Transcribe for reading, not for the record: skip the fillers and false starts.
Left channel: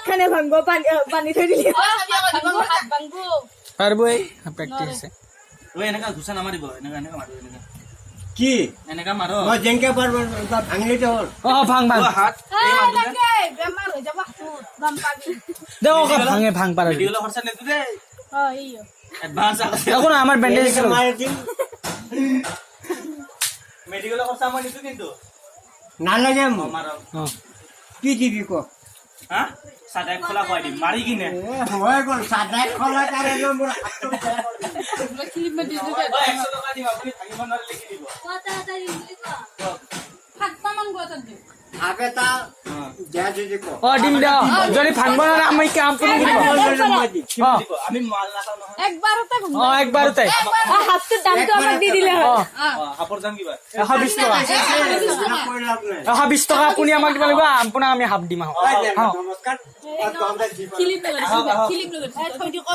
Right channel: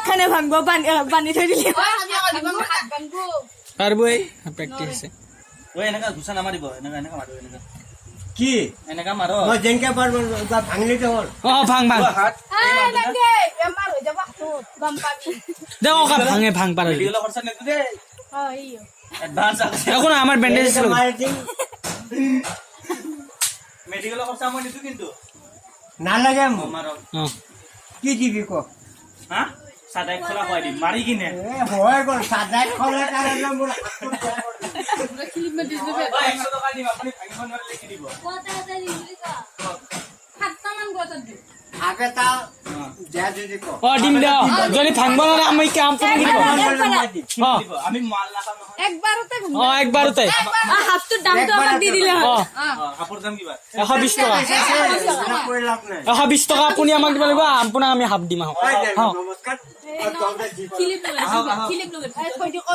হাতখানে ভাঙব বান্ধি থৈ দিলে পারবই প্র্যাকটিস আছে ওই এনেকা ঘুষা নামাৰিব এনেকা এনেকা মাৰো এনেকা কি এনেকা মাৰো মই যেনকে পারবো ভাঙলি তো ও ভাঙ ভাঙ হাত বেমাৰ হৈ যাব গম পাবি দে ওকা ভাঙে ভাঙ পারে মেডিকেল খৰচা নেদু দে ইয়ো এডভান্স আছে এখন আমার ব্যান্ডেজ ছিল মারি দিন মেডিকেল খৰচা মই নিদু কিন্তু না লাগে মাৰো কি দিবি কো হা সাদাই খোলা খুৱাই দিম মাৰি কিনে হয় কোন সাদাই খোলা তারে নম্বর ক্লিপ মাৰি দিছো 100 টকা দিম আপুনি ভাঙিব নোৱাৰে লিখি দিব সাতটামান গছত দিম আবে তা যা দিদি কো ও ডিম দাও যদি ভাঙব না আমি কাম করে দিব দিব আমি মাল নাখাও নহয় একবাৰতে ভাঙব ও একবারতে হাতটোৰ দামটো আমাক দি দিলে ও কাপোৰ দাম কিবা 120 টাকা কই লাভ নাই 120 টাকা আপুনি আমাক দিব লাগিব আপোনাক আমি হাফ দিম নমস্কার ক্লিপ লগাই থৈ দিও